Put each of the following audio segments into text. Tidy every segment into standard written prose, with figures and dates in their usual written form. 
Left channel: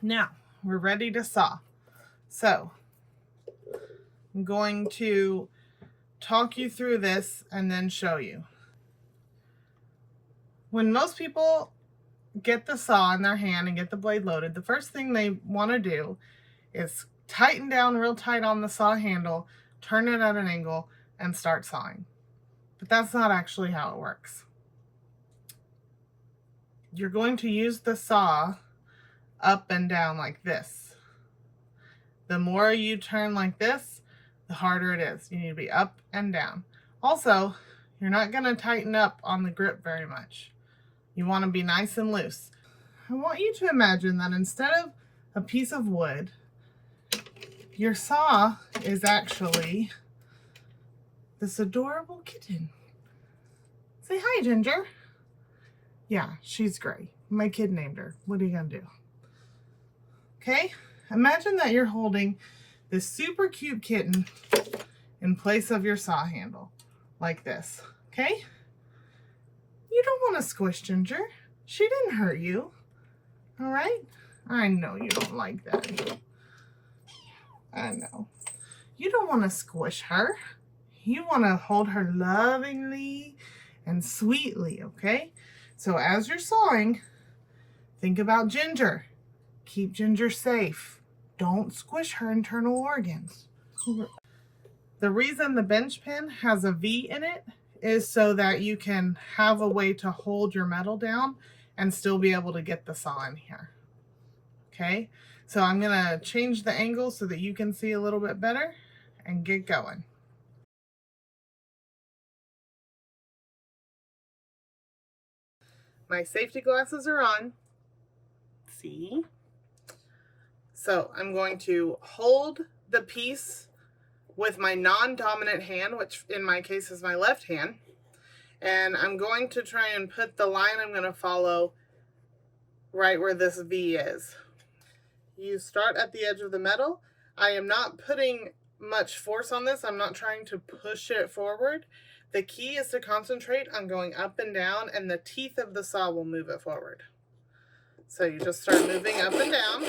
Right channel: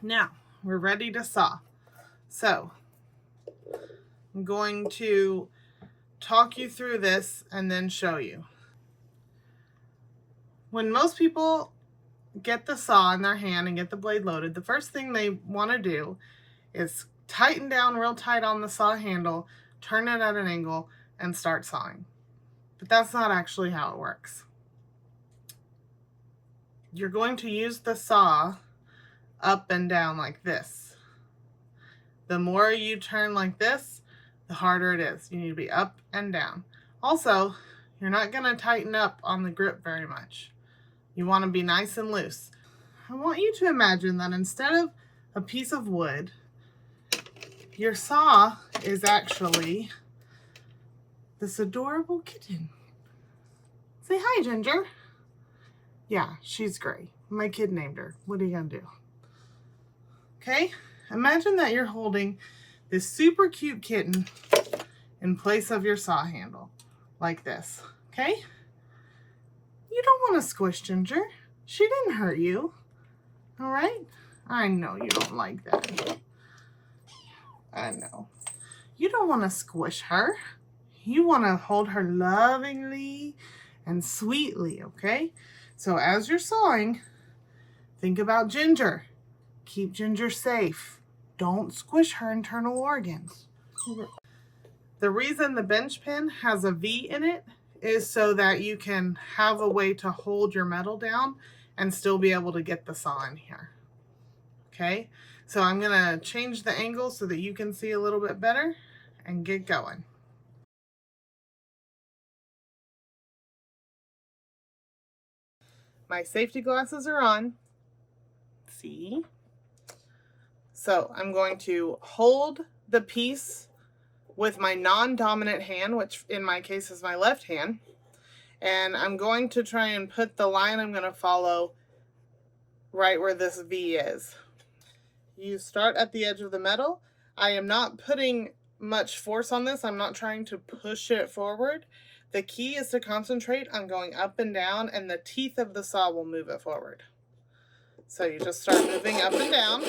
Now, we're ready to saw. So, I'm going to talk you through this and then show you. When most people get the saw in their hand and get the blade loaded, the first thing they want to do is tighten down real tight on the saw handle, turn it at an angle, and start sawing. But that's not actually how it works. You're going to use the saw up and down like this. The more you turn like this, the harder it is. You need to be up and down. Also, you're not going to tighten up on the grip very much. You want to be nice and loose. I want you to imagine that instead of a piece of wood, your saw is actually this adorable kitten. Say hi, Ginger. Yeah, she's gray. My kid named her. What are you gonna do? Okay, imagine that you're holding this super cute kitten in place of your saw handle, like this, okay? You don't want to squish Ginger. She didn't hurt you, all right? I know you don't like that. I know. You don't want to squish her. You want to hold her lovingly and sweetly, okay? So as you're sawing, think about Ginger. Keep Ginger safe. Don't squish her internal organs. The reason the bench pin has a V in it is so that you can have a way to hold your metal down and still be able to get the saw in here. Okay, so I'm gonna change the angle so that you can see a little bit better and get going. My safety glasses are on. See? So I'm going to hold the piece with my non-dominant hand, which in my case is my left hand, and I'm going to try and put the line I'm going to follow right where this V is. You start at the edge of the metal. I am not putting much force on this. I'm not trying to push it forward. The key is to concentrate on going up and down, and the teeth of the saw will move it forward. So you just start moving up and down.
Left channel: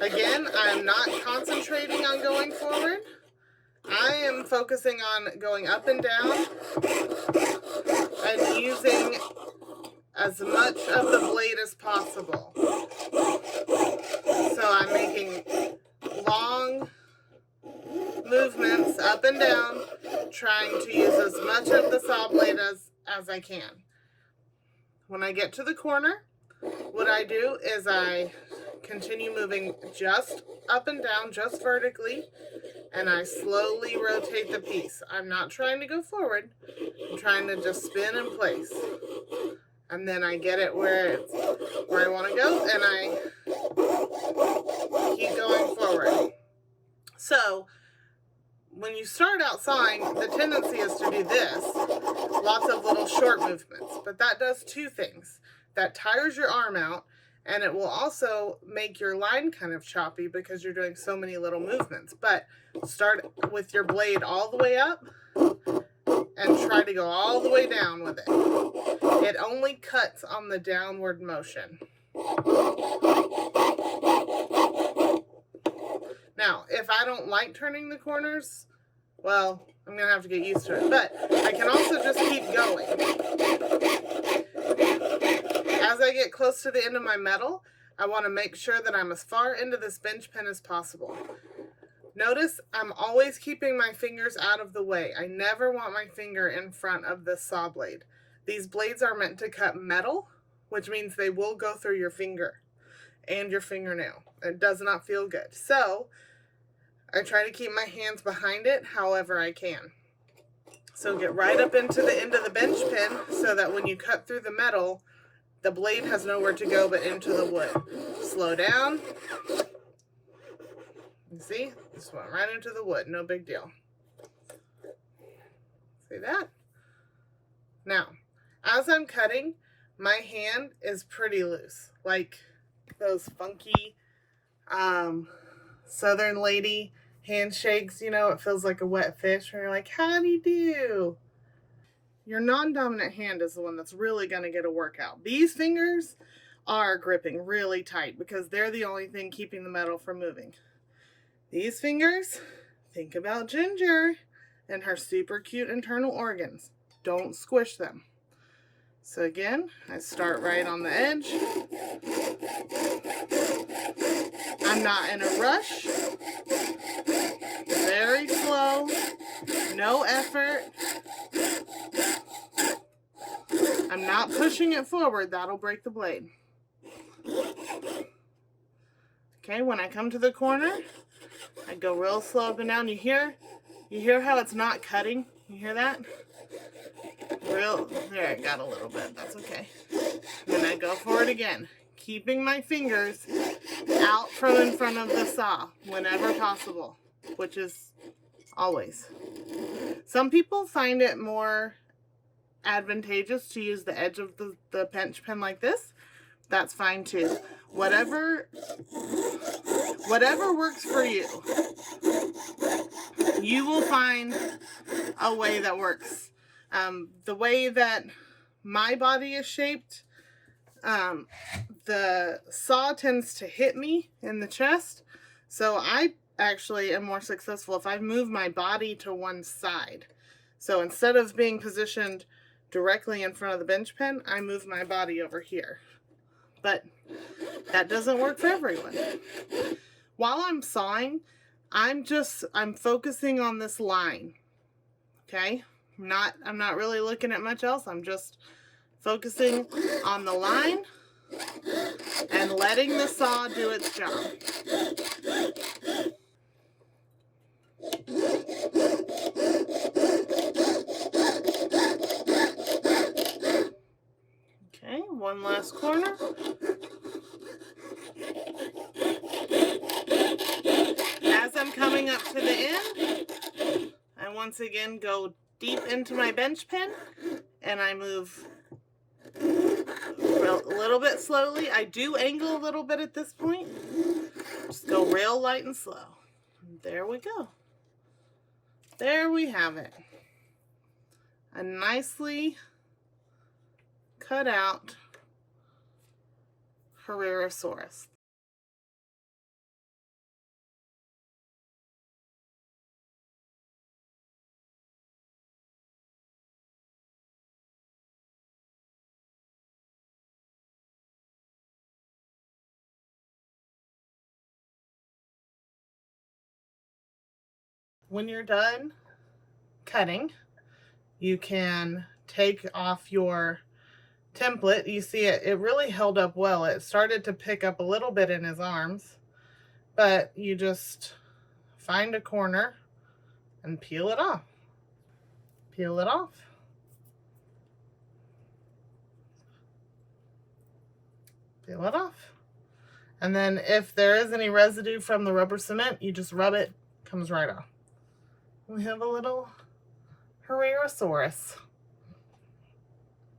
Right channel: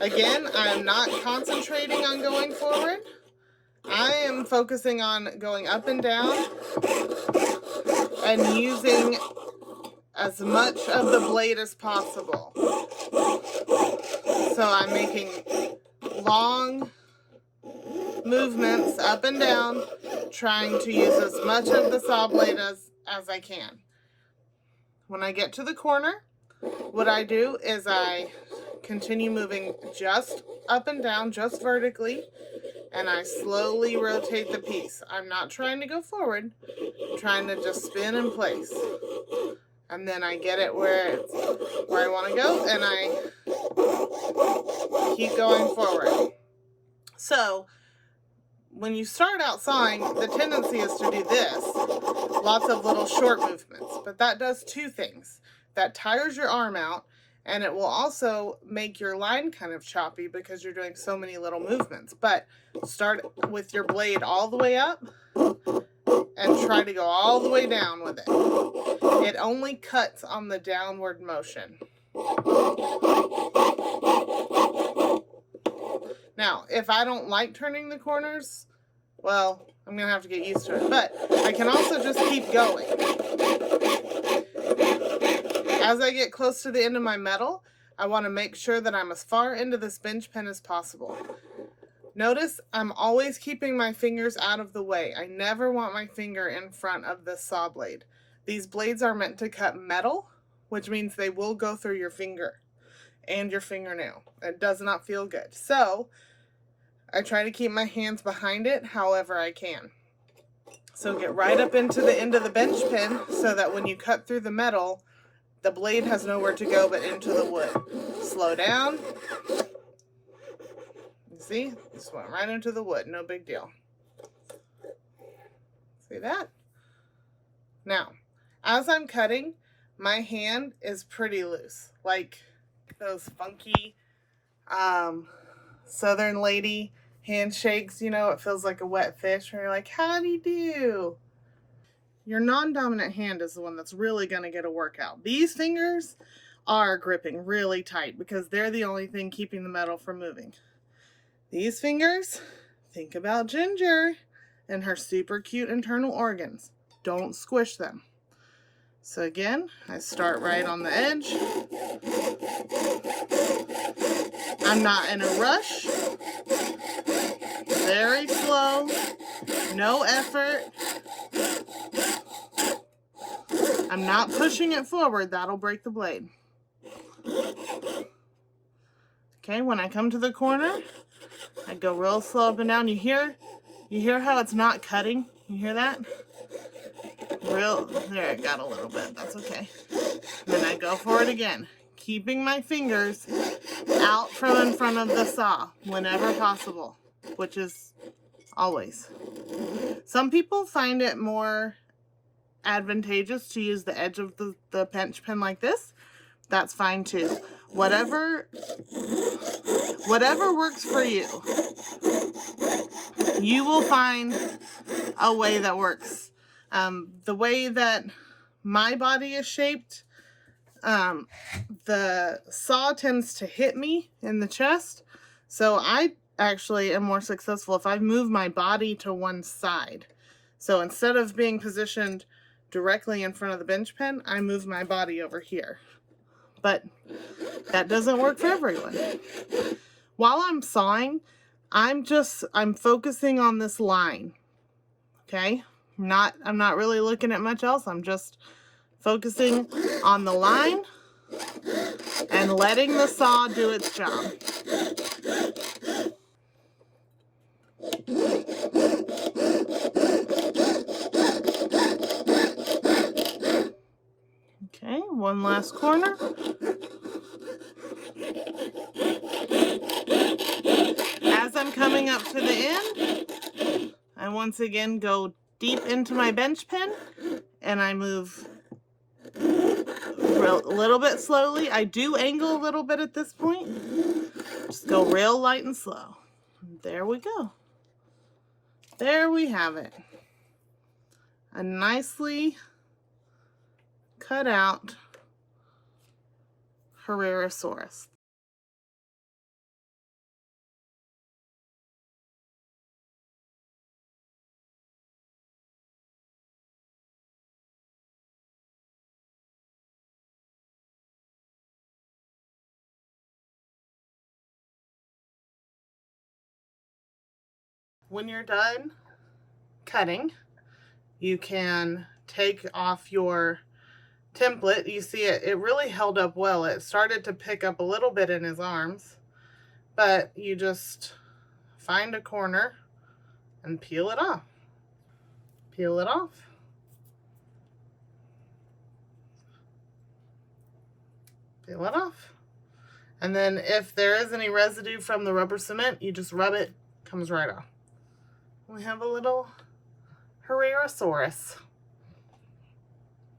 Again, I'm not concentrating on going forward. I am focusing on going up and down and using as much of the blade as possible. So I'm making long movements up and down, trying to use as much of the saw blade as I can. When I get to the corner, what I do is I continue moving just up and down, just vertically, and I slowly rotate the piece. I'm not trying to go forward. I'm trying to just spin in place. And then I get it where I want to go, and I keep going forward. So when you start out sawing, the tendency is to do this, lots of little short movements, but that does two things. That tires your arm out, and it will also make your line kind of choppy because you're doing so many little movements. But start with your blade all the way up and try to go all the way down with it. It only cuts on the downward motion. Now, if I don't like turning the corners, well, I'm going to have to get used to it. But I can also just keep going. As I get close to the end of my metal, I want to make sure that I'm as far into this bench pin as possible. Notice I'm always keeping my fingers out of the way. I never want my finger in front of the saw blade. These blades are meant to cut metal, which means they will go through your finger and your fingernail. It does not feel good. So I try to keep my hands behind it however I can. So get right up into the end of the bench pin so that when you cut through the metal, the blade has nowhere to go but into the wood. Slow down. You see? This went right into the wood. No big deal. See that? Now, as I'm cutting, my hand is pretty loose. Like those funky Southern lady handshakes, you know, it feels like a wet fish where you're like, how do you do? Your non-dominant hand is the one that's really going to get a workout. These fingers are gripping really tight because they're the only thing keeping the metal from moving. These fingers, think about Ginger and her super cute internal organs. Don't squish them. So again, I start right on the edge. I'm not in a rush. Very slow, no effort. I'm not pushing it forward, that'll break the blade. Okay, when I come to the corner, I go real slow up and down. You hear how it's not cutting? You hear that? There, I got a little bit, that's okay. Then I go for it again, keeping my fingers out from in front of the saw whenever possible, which is always. Some people find it more advantageous to use the edge of the pinch pen like this. That's fine too. Whatever works for you. You will find a way that works. The way that my body is shaped, the saw tends to hit me in the chest. So I actually am more successful if I move my body to one side. So instead of being positioned directly in front of the bench pen, I move my body over here. But that doesn't work for everyone. While I'm sawing, I'm focusing on this line. Okay? I'm not really looking at much else. I'm just focusing on the line and letting the saw do its job. Okay, one last corner. As I'm coming up to the end, I once again go deep into my bench pen and I move a little bit slowly. I do angle a little bit at this point. Just go real light and slow. There we go. There we have it. A nicely cut out Herrerasaurus. When you're done cutting, you can take off your template. You see it really held up well. It started to pick up a little bit in his arms, but you just find a corner and peel it off. Peel it off. Peel it off. And then if there is any residue from the rubber cement, you just rub it, comes right off. We have a little Herrerasaurus.